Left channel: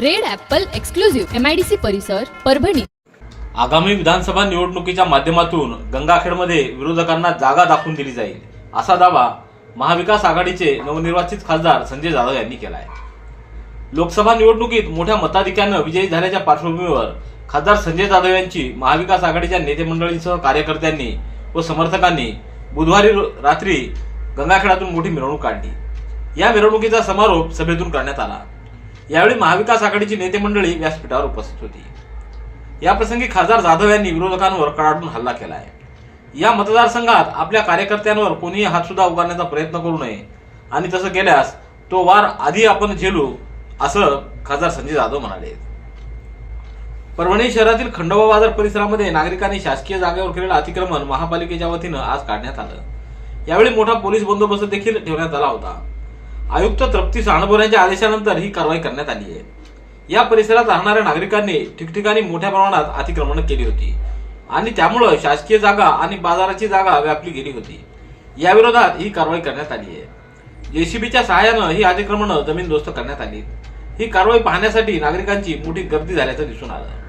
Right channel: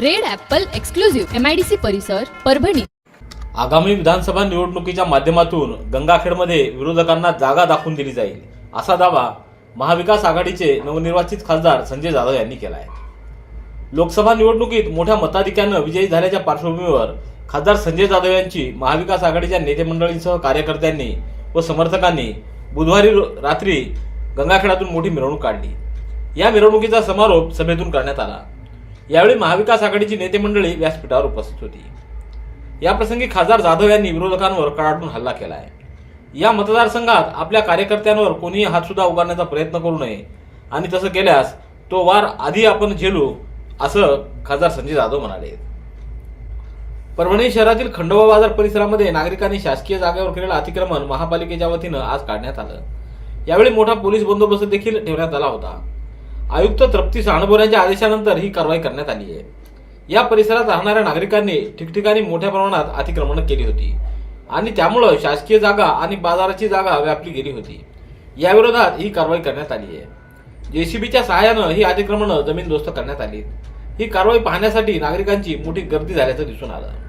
Red apple exclusive MIDC परिसर परभणी. आगामी विधानसभा निवडणुकीच्या माध्यमातून गंगाखेडमध्ये विरोधकांना जागा दाखवून दिली जाईल असा दावा महाविकास आघाडीचे नवनिर्वाचित खासदार संजय जाधव यांनी केला आहे लोकसभा निवडणुकीत मोठ्या मताधिक्यानं विजयी झाल्याच्या पार्श्वभूमीवर खासदार संजय जाधव यांची महाविकास आघाडीच्या नेतेमंडळींसह कार्यकर्त्यांनी व समर्थकांनी बुधवारी रात्री गंगाखेडातून मोठी मिरवणूक काढली. या मिरवणुकीचा समारोप सभेतून करण्यात आला. यावेळी महाविकास आघाडीची नेते मंडळी व्यासपीठावर उपस्थित होती. याप्रसंगी खासदार जाधव यांनी विरोधकांवर कडाडून हल्ला केला आहे या मतदारसंघात आपल्या कार्यकर्त्यांवर कोणीही हातसुद्धा उभारण्याचा प्रयत्न करू नये आणि तसं केल्यास तो वार आधी आपण झेलू असं खासदार संजय जाधव म्हणाले. परभणी शहरातील खंडोबा बाजार परिसरामध्ये नागरिकांनी शासकीय जागेवर केलेलं अतिक्रमण महापालिकेच्या वतीनं आज काढण्यात आलं. यावेळी मोठा पोलीस बंदोबस्त देखील ठेवण्यात आला होता. आयुक्त तृप्ती साणबोर यांच्या आदेशानंतर ही कारवाई करण्यात आली आहे. या परिसरात राहणाऱ्या नागरिकांनी ठिकठिकाणी मोठ्या प्रमाणात अतिक्रमण केली होती आणि त्यामुळं शासकीय जागा आणि बाजाराची जागा व्यापली गेली होती. याविरोधात ही कारवाई करण्यात आली आहे. जेसीबीच्या सहाय्यानं ही अतिक्रमणं जमीनदोस्त करण्यात आली. ही कारवाई पाहण्यासाठी नागरिकांची मोठी गर्दी झाल्याचं दिसून आलं.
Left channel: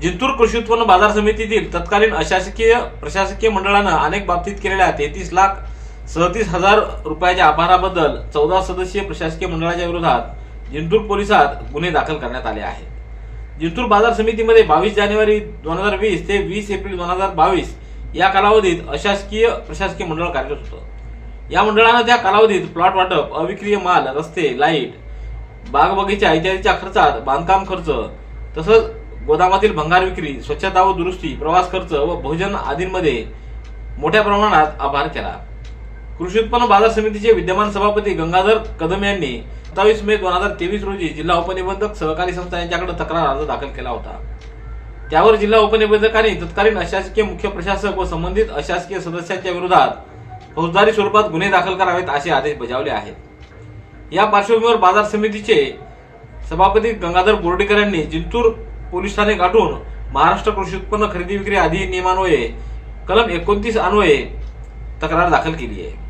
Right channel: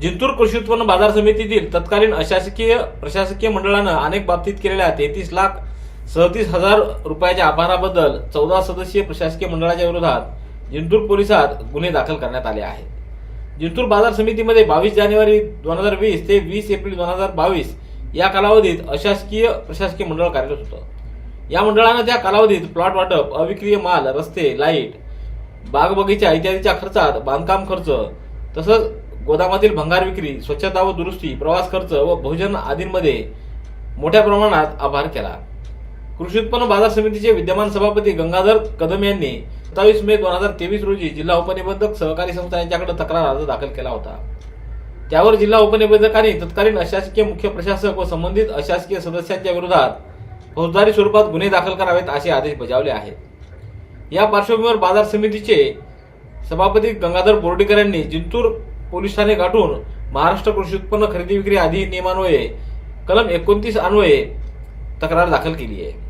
जिंतूर कृषी उत्पन्न बाजार समितीतील तत्कालीन अशासकीय प्रशासकीय मंडळानं अनेक बाबतीत केलेल्या तेहतीस लाख सदतीस हजार रुपयाच्या अपहाराबद्दल चौदा सदस्यीय प्रशासकीय मंडळाच्या विरोधात जिंतूर पोलिसात गुन्हे दाखल करण्यात आले आहेत. जिंतूर बाजार समितीमध्ये बावीस जानेवारी दोन हजार वीस ते वीस एप्रिल दोन हजार बावीस या कालावधीत अशासकीय प्रशासकीय मंडळ कार्यरत होतं. या मंडळानं त्या कालावधीत प्लॉट वाटप अविक्रिय माल रस्ते लाइट बाग बगीचा इत्यादीच्या खर्चात बांधकाम खर्च तसंच गोदामातील भंगार विक्री स्वच्छता व दुरुस्ती प्रवास खर्च व भोजन आदींमध्ये मोठ्या प्रमाणात आभार केला. कृषी उत्पन्न बाजार समितीचे विद्यमान सभापती गंगाधर कदम यांनी सत्तावीस मे दोन हजार तेवीस रोजी जिल्हा उपनिबंधक सहकारी संस्था यांच्याकडे तक्रार अर्ज दाखल केला होता. त्यावर जिल्हा उपनिबंधकांनी तत्कालीन अशासकीय मुख्य प्रशासक व संबंधित अशासकीय सदस्यांच्या विरोधात फौजदारी स्वरूपात गुन्हे दाखल करावेत असे आदेश बजावले आहेत. या पार्श्वभूमीवर बाजार समितीचे सभापती गंगाधर बोर्डीकर यांनी जिंतूर पोलीस ठाणे गाठून महाराष्ट्र कृषी उत्पन्न खरेदी विक्री अधिनियमान्वये कलम एकोणतीस अन्वये तक्रार दाखल केली आहे.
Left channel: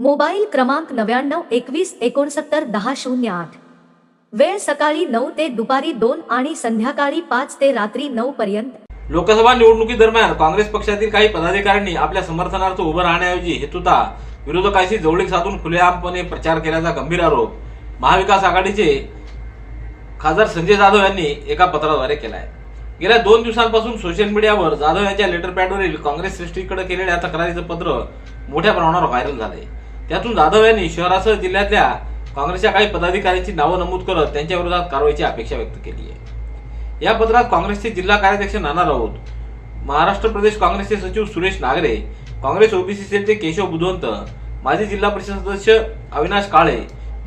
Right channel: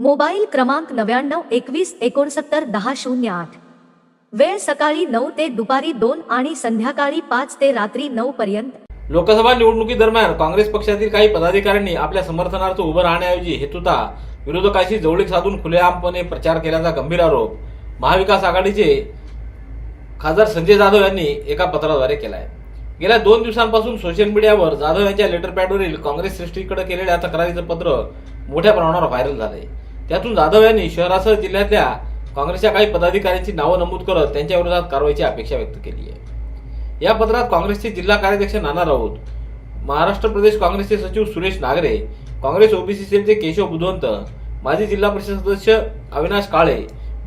मोबाईल क्रमांक नव्याण्णव एकवीस एकोणसत्तर दहा शून्य आठ. वेळ सकाळी नऊ ते दुपारी दोन आणि संध्याकाळी पाच ते रात्री नऊ पर्यंत. लोकसभा निवडणुकीदरम्यान काँग्रेस पक्षातील काही पदाधिकाऱ्यांनी आपल्या समर्थनार्थ उभं राहण्याऐवजी हेतुता विरोधकांशी जवळीक साधून खुलेआमपणे प्रचार केल्याचा गंभीर आरोप महाविकास आघाडीचे खासदार संजय जाधव यांनी एका पत्राद्वारे केला आहे गेल्या दोन दिवसांपासून सोशल मीडियावर जाधव यांच्या लेटर पॅडवरील काँग्रेस श्रेष्ठीकडे केलेल्या तक्रारीचं पत्र मोठ्या प्रमाणावर व्हायरल झालंय. त्यातून जाधव यांनी शहरासह जिल्ह्यातल्या काँग्रेसच्या काही पदाधिकाऱ्यांची नावं नमूद करत त्यांच्या विरोधात कारवाईची अपेक्षा व्यक्त केली आहे. या पत्रात काँग्रेसचे जिल्हा कार्याध्यक्ष नाना राऊत महाराष्ट्र प्रदेश काँग्रेसचे सचिव सुरेश नागरे काँग्रेस ओबीसी सेलचे केशव बुधवंत माजी जिल्हा परिषद सदस्य अविनाश काळे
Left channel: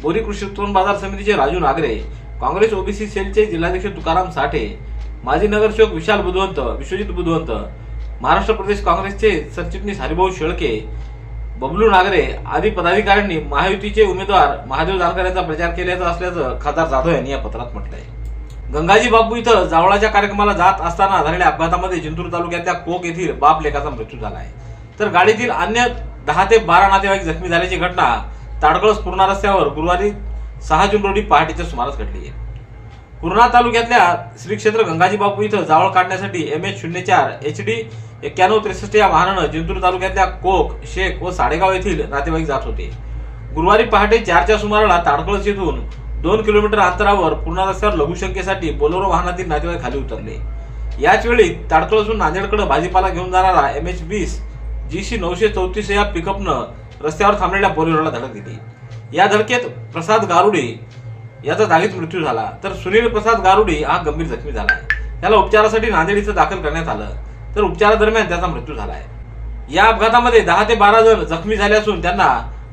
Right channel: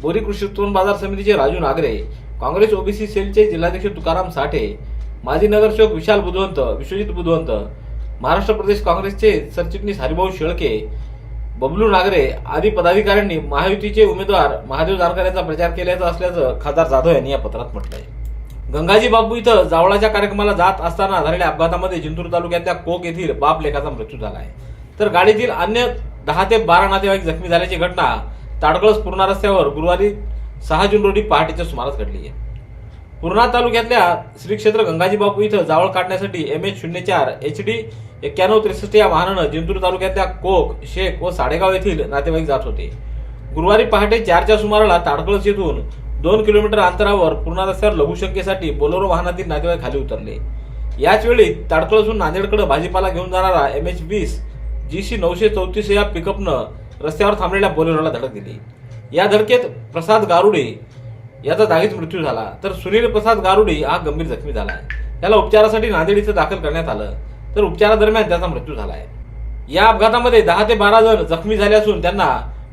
बोरी कृषी उत्पन्न बाजार समितीचे राजू नागरे काँग्रेस ओबीसी सेलचे जिल्हाध्यक्ष तुकाराम साठे माजी नगरसेवक विशाल बुधवंत विश्वजित बुधवंत महाराष्ट्र प्रदेश काँग्रेसचे सरचिटणीस हरिभाऊ शेळके बबलू नागरे आदी पदाधिकाऱ्यांनी महायुतीचे उमेदवार महादेव जानकर यांचा प्रचार केल्याचा असल्याचं खासदार जाधव यांनी या पत्रात म्हटलं आहे गंगाजी बापू इथं जावळाच्या कार्यक्रमाला जात असताना झालेल्या अपघातामध्ये जिंतूर तालुक्यातल्या कोक येथील बाप लेखाचा मृत्यू झाला आहे तर गाडीतील अन्य दहा ते बारा नातेवाईक जखमी झाल्याची घटना ताडकळस पूर्णा रस्त्यावर गुरुवारी सहा जून रोजी पहाटेच्या सुमारास घडली आहे. पूर्णा तालुक्यातल्या श्री क्षेत्र गंगाजी बापू इथं जावळ काढण्यासाठी एम एच शून्य चार एच डी एक्क्याण्णव त्रेसष्ट या वाहनानं जिंतूर तालुक्यातल्या कोक शेख व साडेगाव येथील नातेवाईक जात होते. गुरुवारी पहाटे चारच्या सुमाराला ताडकळस येथून दोन किलोमीटर अंतरावर पूर्णा रस्त्यावर लघुशंकेसाठी बोलेरो वाहनातील नातेवाईक खाली उतरले. याच वेळी ताडकळसून नांदेडकडे भाजीपाला घेऊन जाणारा एम एच वीस जी सी नऊशे चौतीस या पिकअपनं रस्त्यावर थांबलेल्या बोलेरोला धडक दिली. या धडकेत प्रसाद गारुडे याचा जागीच मृत्यू झाला. तर सुनील प्रसाद गारुडी हा गंभीर जखमी झाला आहे. त्याला उपचारासाठी नांदेड इथं दाखल करण्यात आलं. तर उपचारादरम्यान त्याचा मृत्यू झाला आहे. या अपघातामध्ये दहा ते बारा जण जखमी झाले असून त्यांना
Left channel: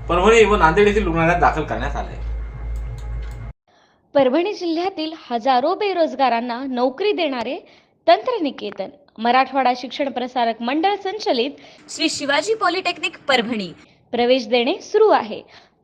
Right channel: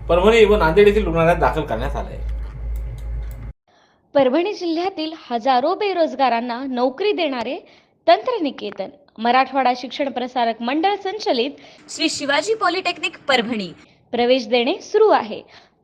परभणी व नांदेड येथील रुग्णालयात दाखल करण्यात आले परभणी जिल्ह्यातील हजारो बेरोजगारांना नोकरी देणारे तंत्रनिकेतन मराठवाडा शिक्षण प्रसारक मंडळ संचलित श्री शिवाजी पॉलिटेक्निक परभणी. प्रवेश देणे सुरू आहे.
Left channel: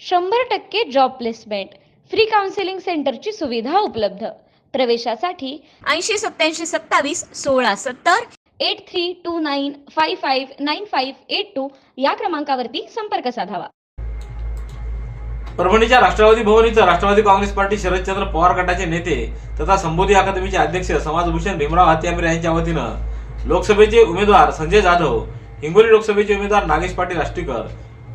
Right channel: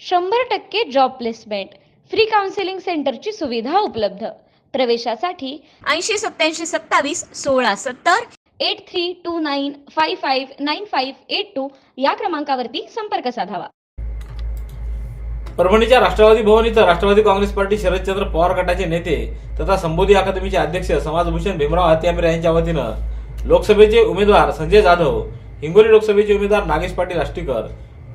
शंभर टक्के जॉब प्लेसमेंट फ्री काउन्सिलिंग सेंटरची सुविधा उपलब्ध. प्रवेशासाठी ऐंशी सत्याऐंशी सत्तावीस सोळा सत्तर eight three two nine five five nine five eight two या क्रमांकावरती संपर्क साधावा. परभणीच्या राष्ट्रवादी भवन इथं राष्ट्रवादी काँग्रेस पार्टी शरदचंद्र पवार गटाचे नेते तथा संबोधी अकादमीचे अध्यक्ष समाजभूषण भीमराव हत्यामिरे यांच्या वतीनं लोकसभेचे उमेदवार संजय जाधव हिंगोली लोकसभेचे उमेदवार नागेश पाटील आष्टीकर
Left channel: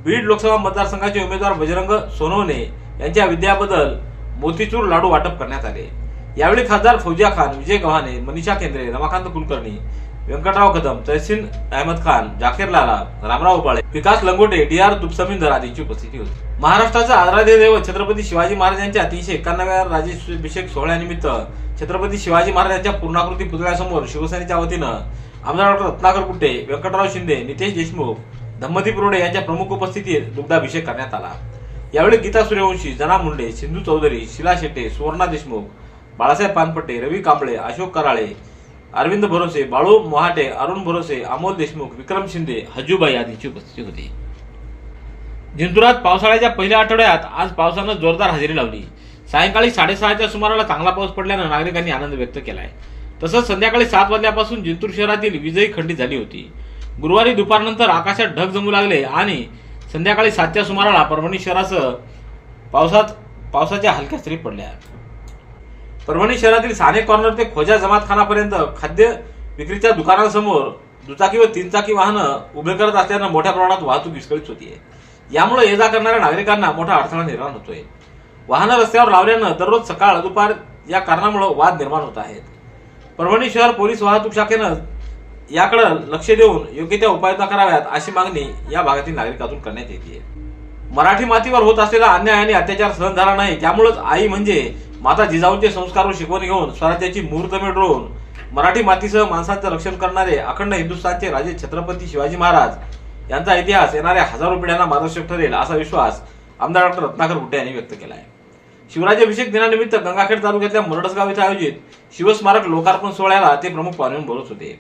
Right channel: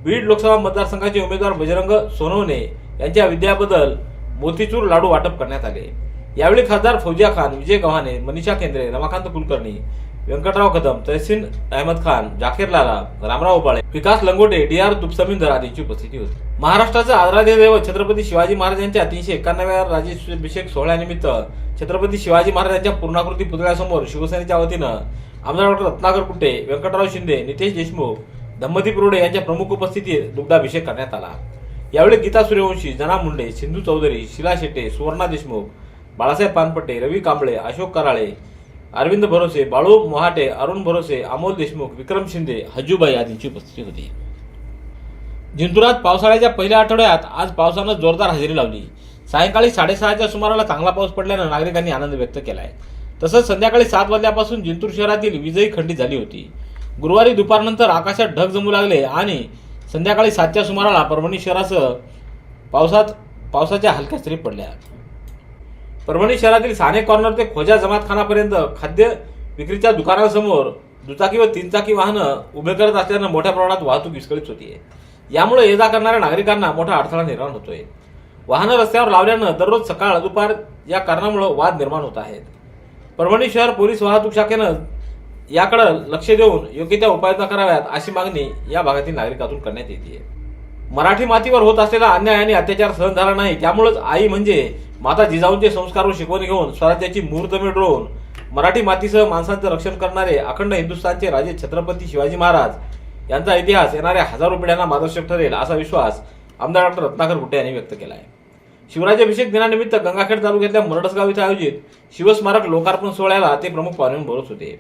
बीड लोकसभा मतदारसंघाचे उमेदवार बजरंग सोनवणे यांच्या विद्याबद्दल मोतीचूर लाडू वाटप करण्यात आले. यावेळी खासदार फौजिया खान विजय गव्हाणे मनीषा केंद्रे रमाकांत कुलकर्णी व्यंकटराव कदम तहसीन अहमद खान जाकीर लाला रामराव उपाळे विकास लंगोटे डी आर तुपसमींदर आदींची उपस्थिती होती. महाराष्ट्राचा आराध्य दैवत छत्रपती शिवाजी महाराजांच्या तीनशे एकावन्नाव्या राज्याभिषेक सोहळ्यानिमित्त छत्रपती शिवाजी महाराजांच्या पूर्णाकृती पुतळ्यासमोर शिवसेनेच्या वतीनं आमदार डॉक्टर रत्नाकर कुट्टे व्यंकटराव शिंदे नितेश देशमुख धम्मदीप रोडे यांच्या प्रमुख उपस्थितीत दुग्धाभिषेक करण्यात आला. यावेळी गीता सूर्यवंशी जना मुंडे सिंधू चौधरी शिला शेटे सुवर्णा देशमुख बाळासाहेब पानपट्टे रवी कांबळे अशोक कराळे अरविंद भरोसे बाळू मोहाटे अरुण भरोसे अमोल देशमुख विक्रम शिंदे हजूबाई आदींची उपस्थिती होती. जिंतुरात पावसाळ्याच्या पहिल्या आठवड्यात आज पावसानं जोरदार हजेरी लावली. सायंकाळी साडेसहाच्या सुमाराला चांगला पाऊस पडल्यानं नागरिकांनी आनंद व्यक्त केलाय. तसंच संध्याकाळी सात वाजल्यापासून जिंतूर शहरातील वीजही खंडित झाली होती. गुरुवारी दुपारनंतर आकाशात ढग जमू लागले आणि संध्याकाळी सातच्या सुमाराला परभणी शहरासह पावसात पावसाच्या हलक्या सरी पडल्या. परभणी शहरातील साने कॉर्नर ते खोजा जमातखानापर्यंत खाद्य विक्रीच्या दुकानांसमोर दुचाकी व तीनचाकी वाहनं उभे करत असल्यानं मोठ्या प्रमाणात वाहतूक विस्कळीत होतीये. यामुळे ये जा करणाऱ्या नागरिकांना मोठा अडथळा निर्माण होतोय. वाहनं रस्त्यावर लावल्यानं दररोज सकाळ दुपार या कारणामुळे वाद निर्माण होत आहेत. परभणी शहर पोलीस वाहतूक शाखेनं याकडे लक्ष देऊन योग्य त्या उपाययोजना कराव्यात अशी मागणी या भागातील नागरिकातून करण्यात येते मराठी मातीवर होत असलेला अन्याय आणि अत्याचार सहन झाला नाही त्यामुळेच आई म्हणजे माता जिजाऊंचे संस्कार व शिकवण घेऊन स्वराज्याची मुहूर्तमेढ रोवून मराठी मातीसह माणसांचे रक्षण करणारे अखंड हिंदुस्थानचे राजे छत्रपती शिवाजी महाराज यांचा इतिहास येणाऱ्या हजारो पिढ्यांना मार्गदर्शक ठरेल असा विश्वास आमदार डॉक्टर रत्नाकर गुट्टे यांनी व्यक्त केला आहे शिवराज्याभिषेक दिनानिमित्त गंगाखेड तालुक्यातल्या मुरडसगाव इथे आयोजित शिवस्मारक लोकार्पण सोहळ्याला ते प्रमुख पाहुणे बोलत होते.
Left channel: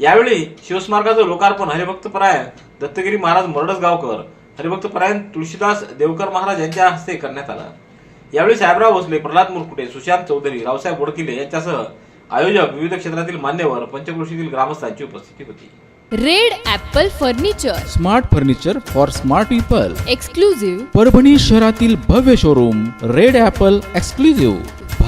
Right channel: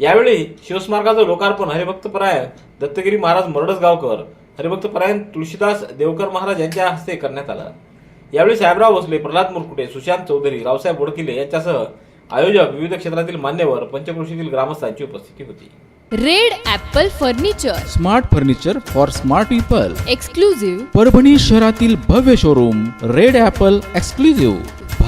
यावेळी शिवस्मारकाचं लोकार्पण हरिभक्तपरायण दत्तगिरी महाराज मुरडसगावकर हरिभक्तपरायण तुळशीदास देवकर महाराज यांच्या हस्ते करण्यात आलं. यावेळी साहेबराव भोसले प्रल्हाद मुरकुटे सुशांत चौधरी रावसाहेब बोडकिले यांच्यासह आयोजक विविध क्षेत्रातील मान्यवर पंचक्रोशीतील ग्रामस्थांची उपस्थिती होती. Red apple furniture. Smart furniture for smart people. Exclusive Parbhani शहरातील भव्य शोरूम रेड ॲपल एक्सक्लुझिव्ह.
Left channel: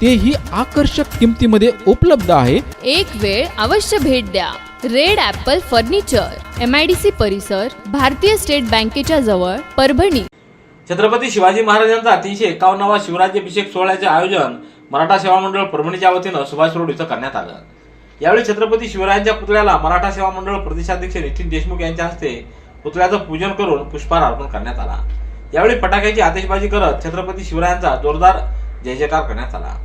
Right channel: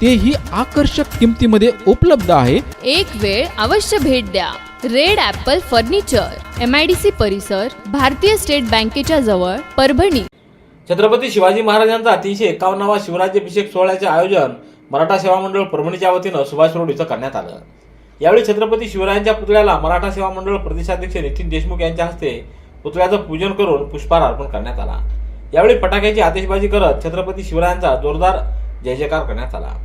तेही आकर्षक किमतीमध्ये उपलब्ध आहे. एक वेळ अवश्य भेट द्या. Red apple furniture M I D C परिसर भारतीय स्टेट बँकेच्या जवळ परभणी. छत्रपती शिवाजी महाराजांचा तीनशे एकावन्नावा शिवराज्याभिषेक सोहळ्याचे आयोजन मराठा सेवा मंडळ परभणीच्या वतीनं सुभाष रोड इथं करण्यात आलं. यावेळी छत्रपती शिवरायांच्या पुतळ्याला मराठा सेवा मंडळ प्रदेशाध्यक्ष नितीन देशमुख यांच्या हस्ते पुतळ्याचं पूजन करून पुष्पहार अर्पण करण्यात आला. यावेळी फटाक्याची आतिषबाजी करत छत्रपती शिवरायांचा जोरदार जय जयकार करण्यात आला.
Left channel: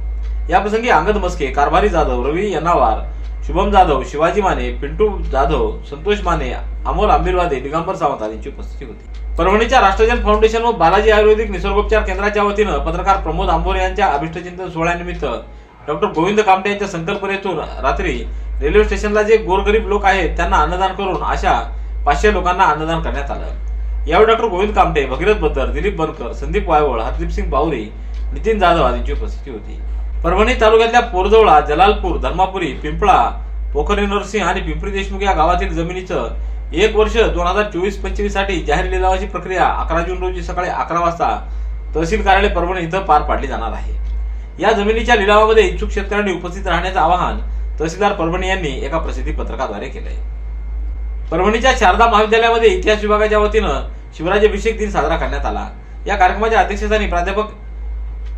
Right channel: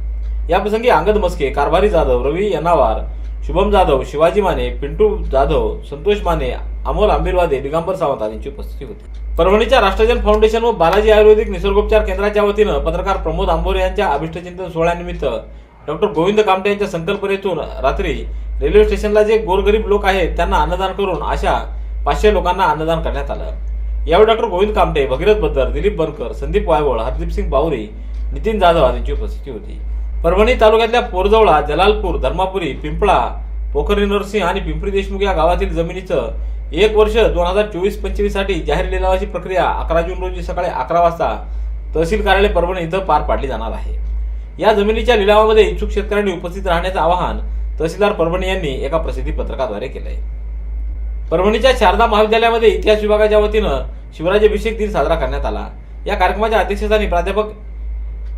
या प्रसंगी अंगद मस्के कारभारी जाधव रवी यनावार शुभम जाधव शिवाजी माने पिंटू जाधव संतोष माने अमोल आंबिरवादे दिगंबर सावंत आदींची उपस्थिती होती. परभणीच्या राष्ट्रजन फाउंडेशन व बालाजी आयुर्वेदिक निसर्गोपचार केंद्राच्या वतीनं पत्रकार प्रमोद आंबोरे यांच्या अभिष्टचिंतन सोहळ्यानिमित्त डॉक्टर गोविंद कामटे यांच्या संकल्पनेतून रात्री रेल्वे स्टेशनला जे गोरगरीब लोक आहेत त्यांना अन्नदान करून अशा पाचशे लोकांना अन्नदान करण्यात आलं. यावेळी डॉक्टर गोविंद कामटे भगीरथ बद्दर दिलीप बनकर संदीप वायवळ हरदीप सिंग बावरी नितीन जाधव आदींची उपस्थिती होती. परभणी तालुक्यातल्या पोरजवळा जलालपूर धर्मापुरी पिंपळा पोखरी नरसिंह आणि पिंपरी देशमुख या गावातील जमिनीचं एक वर्ष दोन हजार चोवीस पंचवीससाठी जाहीर लिलावाची प्रक्रिया अकरा जून रोजी सकाळी अकरा वाजता तहसील कार्यालय परभणी इथं पार पाडली जाणार आहे. या जमिनीच्या लिलावामध्ये इच्छुक शेतकऱ्यांनी उपस्थित राहण्याचं आवाहन तहसीलदार परभणी यांनी एका प्रसिद्धी पत्रकाद्वारे केलंय. परभणीच्या शारदा महाविद्यालयामध्ये इतिहास विभागाच्या वतीनं शिवराज्याभिषेक दिन साजरा करण्यात आला. या कार्यक्रमाच्या अध्यक्षस्थानी प्राध्यापक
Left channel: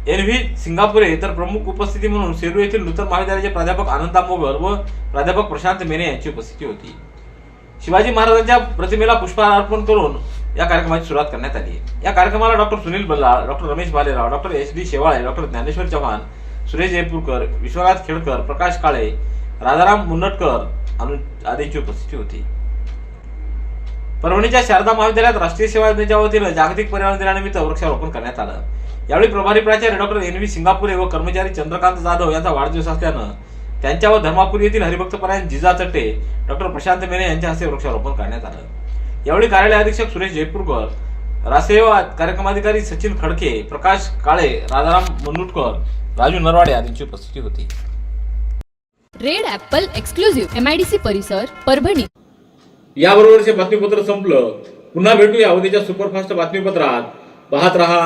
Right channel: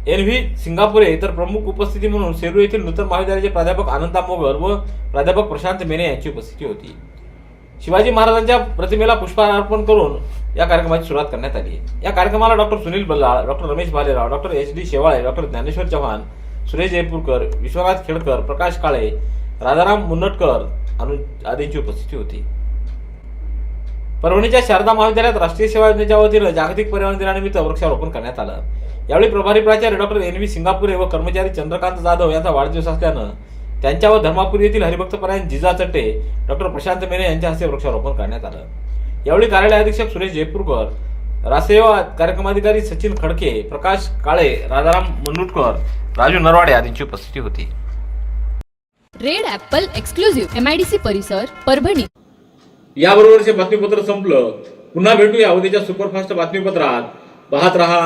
एन व्ही सिंगापुरे तर प्रमुख उपस्थिती म्हणून सेलू येथील नूतन महाविद्यालयाचे प्राध्यापक आनंदा मोगर व प्राध्यापक प्रशांत मेने यांची उपस्थिती होती. शिवाजी महाराजांच्या प्रतिमेला पुष्पहार अर्पण करून या कार्यक्रमाची सुरुवात करण्यात आली. या कार्यक्रमाला doctor Sunil Ballal doctor Ramesh Bhalerao doctor H D Shewale doctor Dnyaneshwar Chavan Suresh Jaipurkar Vishwanath Khedkar Prakash Kale Rajaram Munnatkar Anu आदींची उपस्थिती होती. परभणीच्या शारदा महाविद्यालयात राष्ट्रीय सेवा योजनेच्या वतीनं जागतिक पर्यावरण दिनानिमित्त वृक्षारोपण करण्यात आलं. यावेळी प्रभारी प्राचार्य डॉक्टर एन व्ही सिंगापुरे व कर्मचारी चंद्रकांत जाधव यांचा वाढदिवस असल्यानं त्यांच्या व धर्मापूर येथील हरिभक्तपरायण जिजा चट्टे डॉक्टर प्रशांत मेने यांच्या हस्ते वृक्षारोपण करण्यात आलं. यावेळी कार्यालय अधीक्षक सुरेश जयपूरकर रासेवा कार्यक्रमाधिकारी सचिन खडके प्रकाश काळे राजाराम मुनुटकर राजू नरवाडे आदींची उपस्थिती होती. Red apple exclusive M I D C परिसर परभणी. याबरोबरचे बातमीपत्र संपलं. पुन्हा भेटूया उद्याच्या सुपरफास्ट बातमीपत्रात. पाहत रहा